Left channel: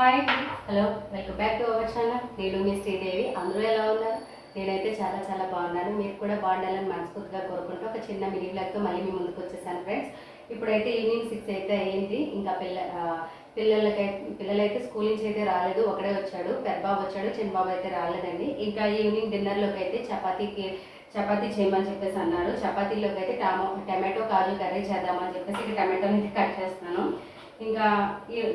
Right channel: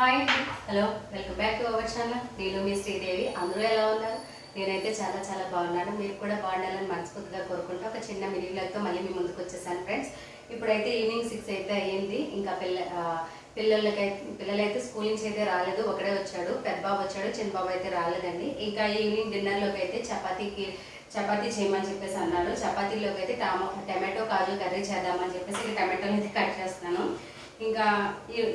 Hi hello welcome back to our channel. నేను మీ శ్రీదేవి. అందరూ ఎలా ఉన్నారు? నేనైతే చాలా చాలా బాగున్నాను. మీరు కూడా బాగుండాలని మనస్ఫూర్తిగా కోరుకుంటూ ఒక చిన్న మినీ బ్లాగ్తో మళ్ళీ మీ ముందుకు వచ్చేసాను ఫ్రెండ్స్ ఇప్పుడైతే ఈవినింగ్ సిక్స్ అయితే అయ్యింది. ఇంకా పిల్ల ఆ, పిల్లలకైతే పిల్లలైతే స్కూల్ నుంచి అయితే రాలేదు. ఒకడే వచ్చాడు. పెద్ద బాబు వచ్చాడు. చిన్న బాబు అయితే రాలేదండి. ఇంకా ఈవినింగ్ డిన్నర్లోకి అయితే చపాతీకి చపాతీ చేయమని చెప్పేసి అన్నారు చపాతీలోకి అయితే టమా టమాటో కాజు కర్రీ చేద్దామని చెప్పేసి ఇక టమాటోలు అయితే కట్ చేస్తున్నాను. ఇంకా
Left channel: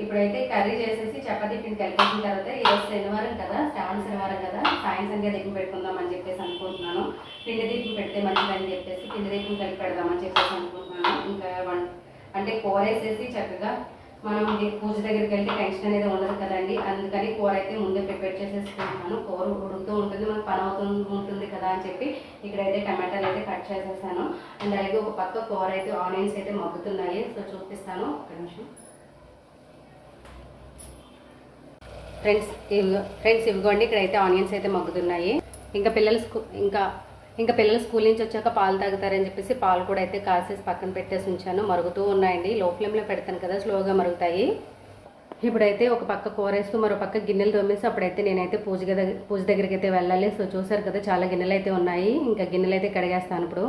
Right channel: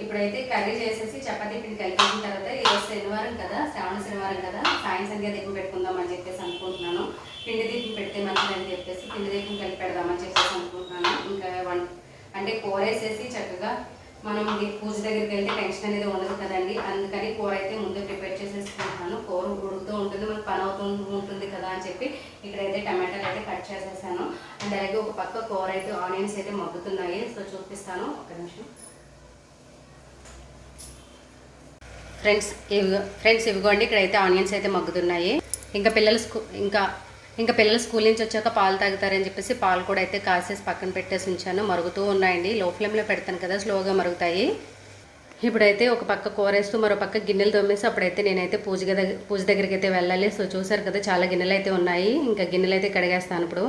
ఇప్పుడైతే కర్రీ చేసేసి చపాతీ పిండి కలిపేసిన తర్వాత ఈరోజు శనివారం కదా శ్రావణ శనివారం కదా సాయం సంధ్య దీపం పెట్టుకుందాం అని చెప్పేసి అనుకుంటున్నాను. పిండి దీపం పెడితే మంచిదని చెప్పేసి పిండి దీపం కలిపి పెడదామని చెప్పేసి అనుకుంటున్నాను. ఇంకా వన్ అంటే కూర వేసేసి చక్కగా మనం పూజ దగ్గరికి వెళ్తే టెన్షన్ అనేది ఉండదు కదండి. అందుకని కూర అయితే ముందే ప్రిపేర్ చేసేసుకుంటున్నాను. కూర ఉడుకుతూ ఉంటుంది మనకు పని అవుతూ ఉంటుంది కదా అని చెప్పి ఇక్కడైతే టమాటాలు అయితే కట్ చేసేసాను. అండ్ అలాగే ఒక పక్క కూర అయితే ఆనియన్స్ అయితే మగ్గుతున్నాయి. సో చూపిస్తాను. ఒక నిమిషం. ఫ్రెండ్స్ ఇవి ఫ్రెండ్స్ ఇవిగోండి ఇక్కడైతే ఆనియన్స్ అయితే మగ్గుతున్నాయి. ఇంకా పిల్లలు స్కూ ఇంకా ఇంకా పిల్లలు స్కూల్ నుంచి వచ్చాక పాలు తాగుతారని చెప్పేసి పాలు కూడా అయితే కాసేసి పక్కన పెట్టేసి ఉంచాను. మరుగుతూ ఉన్నాయండి. లో ఫ్లేమ్లో పెడతాను కదా స్లోగా మరుగుతాయి. ఇప్పుడైతే ఒక పక్క కూరేస్తూ మరో పక్క గిన్నెలు తోమేసి అప్పుడైతే నేనైతే పూజ దగ్గర పూజ దగ్గరికి అయితే వెళ్ళాలి. సో చూసారు కదా చాలా గిన్నెలు అయితే ఉన్నాయి. ఇంకా గిన్నెలు అయితే కడిగేస్తాను ఇప్పుడు.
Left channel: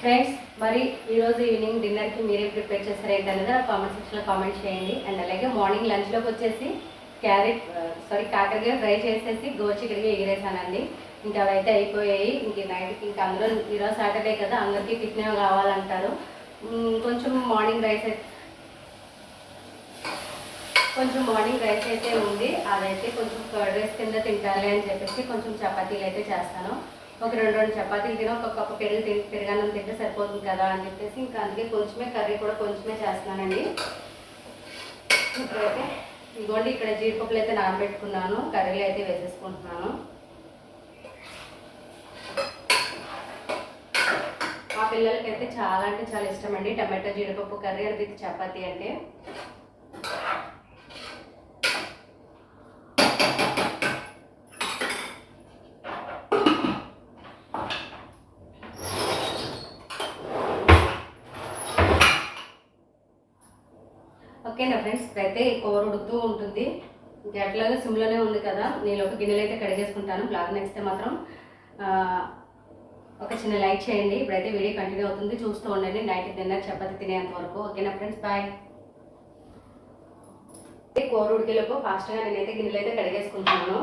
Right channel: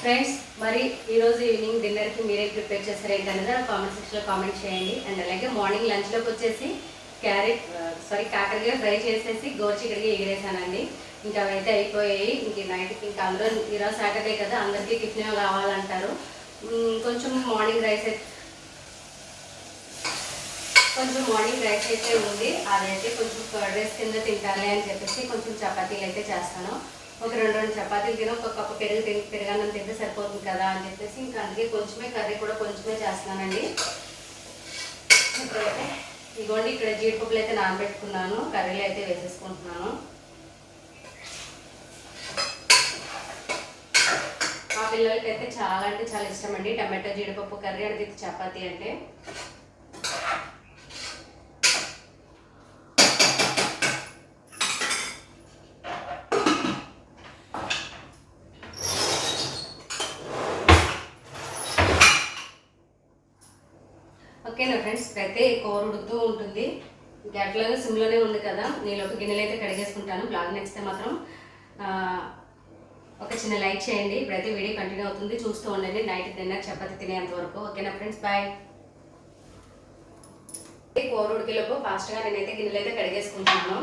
ఫ్రెండ్స్ మరి ఈరోజు ఈవినింగ్ డిన్నర్కి మీరే ప్రిపేర్ చేస్తారు ఏంటనేది నా కామెంట్ సెక్షన్లో కామెంట్ చేయండి. అండ్ అలాగే మార్నింగ్ లంచ్లోకి వచ్చేసి క్యారెట్ సారీ uh, కాకరకాయ ఫ్రై చేసేసి గోచికడికి ఎగిరేసానండి. ఇంకా అవైతే అయిపోయాయి. ఇంక నైట్కి ఇంకా అందరూ ఈరోజు సాటర్డే కదా అందరికీ టిఫిన్ కావాలంటారు. కొంచెం మార్నింగ్ రైస్ అయితే కొంచెం మార్నింగ్ రైస్ అయితే ఉంది. అదైతే కొంచెం కర్డ్ రైస్ కింద తింటారులే అని చెప్పేసి కొంచెం చపాతీలు అయితే చేస్తాను. ఒక రెండు రెండు చపాతీలు తిని ఒక కప్పు పెరుగు తిని పెరుగన్నం తింటే సరిపోతుంది కదా అని చెప్పేసి ఇంకా అందుకే కొంచెమే కర్రీ కూడా కొంచెమే చేస్తున్నానండి. ఇప్పుడైతే ఇదిగోండి ఇక్కడ జీడిపప్పులు అయితే నానబెట్టుకున్నాను కర్రీలు అయితే వేసేసుకుంటున్నాను. మా పిల్లలకైతే చాలా అంటే చాలా ఇష్టం అండి టమాటో జీడిపప్పు కర్రీ అంటే చపాతీ అంటే. ఓకేనా ఫ్రెండ్స్ ఇప్పుడైతే ఈ కూర ఉడుకుతూ ఉంటుంది. ఇంకా ఎట్లాగా సిమ్లోనే ఉంది కదా నేను ఒక గిన్నెలు అయితే కడిగేసుకుంటాను. బ్లాగ్ నచ్చితే మాత్రం ఒక చిన్న లైక్ చేయండి. ఇప్పుడైతే వీడియో కంటిన్యూ అవుతుంది. చూస్తూ ఉండండి. నైట్ డిన్నర్ చపాతి తినేంత వరకు. ఓకేనా ఫ్రెండ్స్ బాయ్. కూర ఉడికేలోపు ఫాస్ట్గా నేనైతే గిన్నెలు అయితే కడిగేసుకుంటాను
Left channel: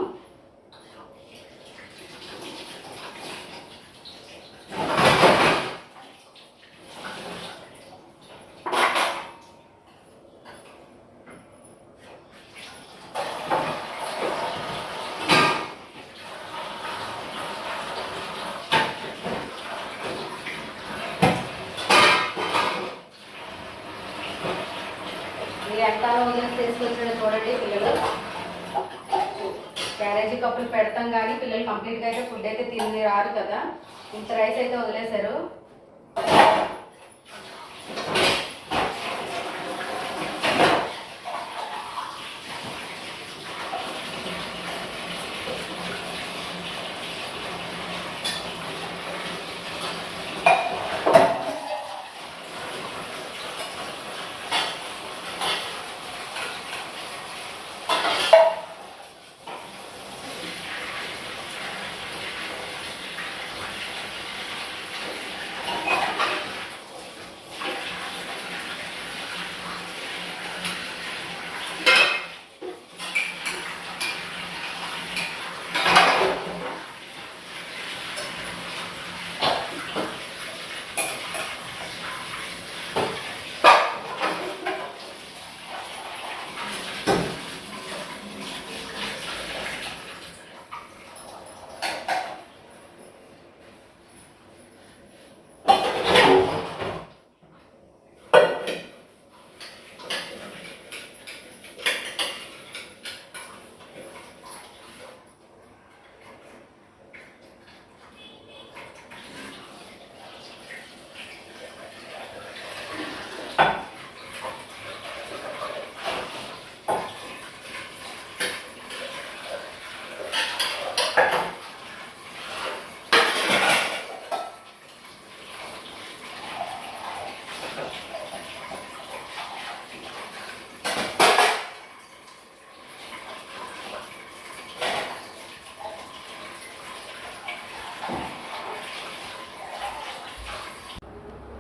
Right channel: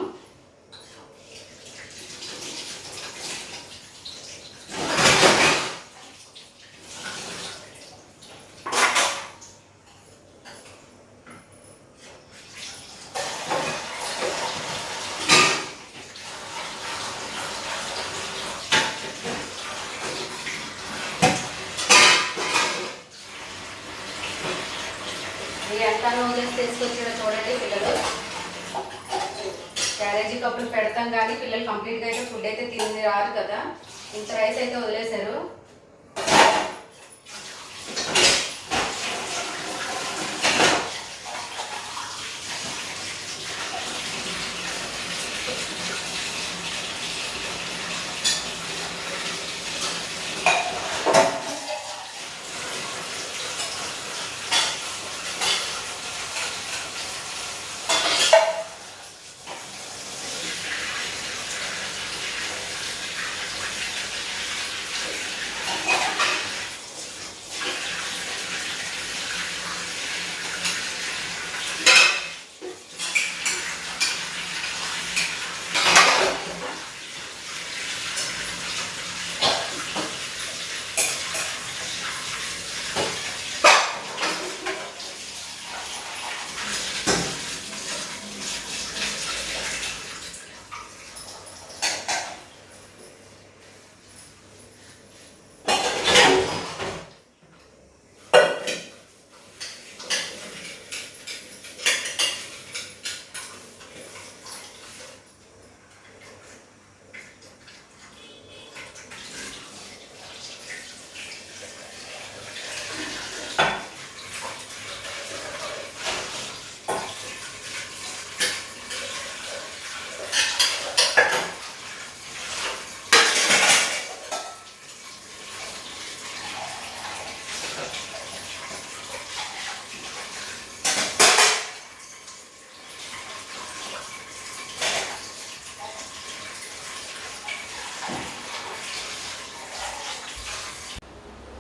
ఈ ఎంత వదిలేసి తీసుకొచ్చాడో చూడండి పిల్లలు. క్యారేజీ కప్పులు పెడతాం కానీ పిల్లలు కంప్లీట్గా అయితే ఫుడ్ అయితే తిని రాదు కదా. ఇంత రైస్ అయితే వదిలేశారు.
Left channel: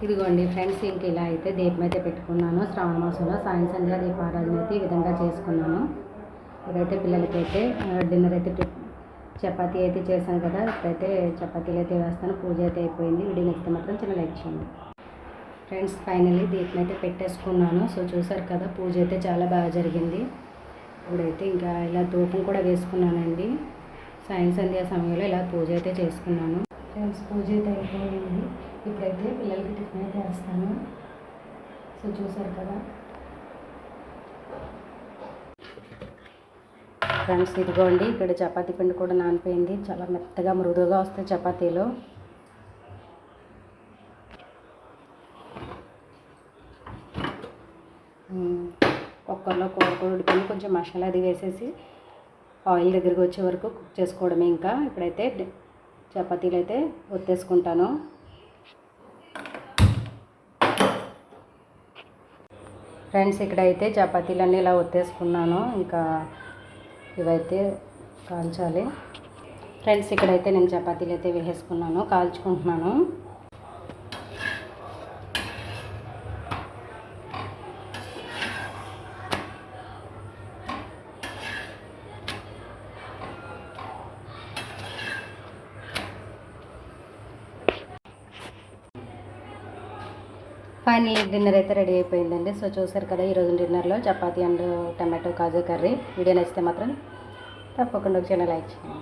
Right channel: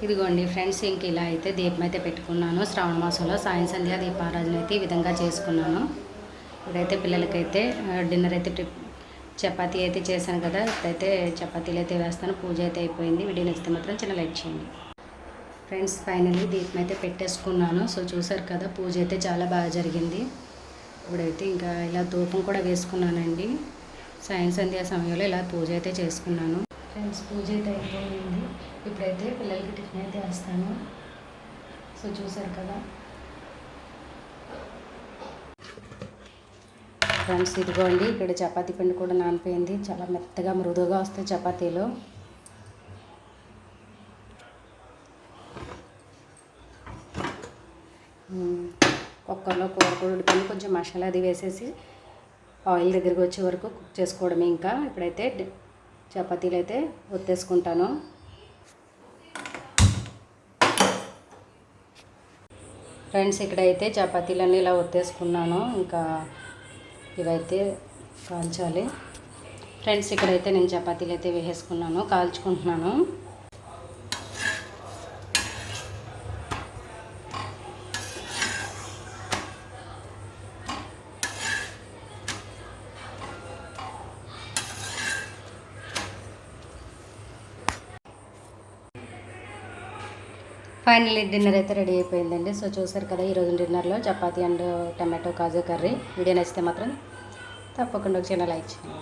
ఇదిగోండి ఫ్రెండ్స్ ఇంక ఇలా అయితే దీపం అయితే పెట్టుకున్నాను. శ్రావణ మాసంలో సాయం సంధ్య దీపారాధన అయితే ఈ విధంగా చేసుకున్నాను. ఇప్పుడైతే పిల్లలకైతే డిన్నర్ అయితే చపాతీ అయితే చేశాను కదా. ఇప్పుడైతే చపాతీలు అయితే వేస్తాను. పూజ అయితే అయిపోయింది. వీడియో నచ్చితే మాత్రం చిన్న లైక్ చేయండి. ఫ్రెండ్స్ ఫైనల్లీ దీపం అయితే పెట్టేసుకున్నాను. సో చూసారు కదా పూజ అయితే చాలా బాగా జరిగింది. ఇప్పుడైతే ఇంకా ఇలా ధూపం కూడా వేసుకున్నానండి. సాయం సంధ్యా సమయంలో ఇలా పూజ అయితే చేసుకున్నాను. ఫ్రెండ్స్ పూజ అయితే అయిపోయింది. ఇప్పుడైతే పిల్లలకి టిఫిన్ అయితే వేస్తాను. సో చూసారు కదా. ఫ్రెండ్స్ ఇదిగోండి ఇక్కడ చపాతీ పిండి కూడా నానిపోయింది. చాలా మెత్తగా మృదువుగా వస్తాయి చపాతీలు. కుక్కర్లో కూర కూడా ఉడిపోయింది కొంచెం మసాలా అది వేసేసి ఆయిల్ దగ్గరికి వచ్చే వరకు కుక్ చేసుకోవడమే ఇంకా. ఇప్పుడైతే చపాతీలు అయితే ఒత్తేసుకుంటాను. ఫ్రెండ్స్ ఇక్కడైతే చపాతీలన్నీ ఇలా ఒత్తేసుకున్నాను. ఇంకా ఇవైతే కాల్చాలి. ఫ్రెండ్స్ ఇక్కడైతే నేను చపాతీలు అయితే వేసేసుకున్నాను కాల్చుకుంటున్నాను. ఫైనల్లీ డిన్నర్ అయితే రెడీ అయిపోయిందండి. సో చూసారు కదా ఈరోజు డిన్నర్లో chapati and tomato kaju curry. Video నచ్చితే మాత్రం తప్పకుండా ఒక చిన్న లైక్ చేయండి.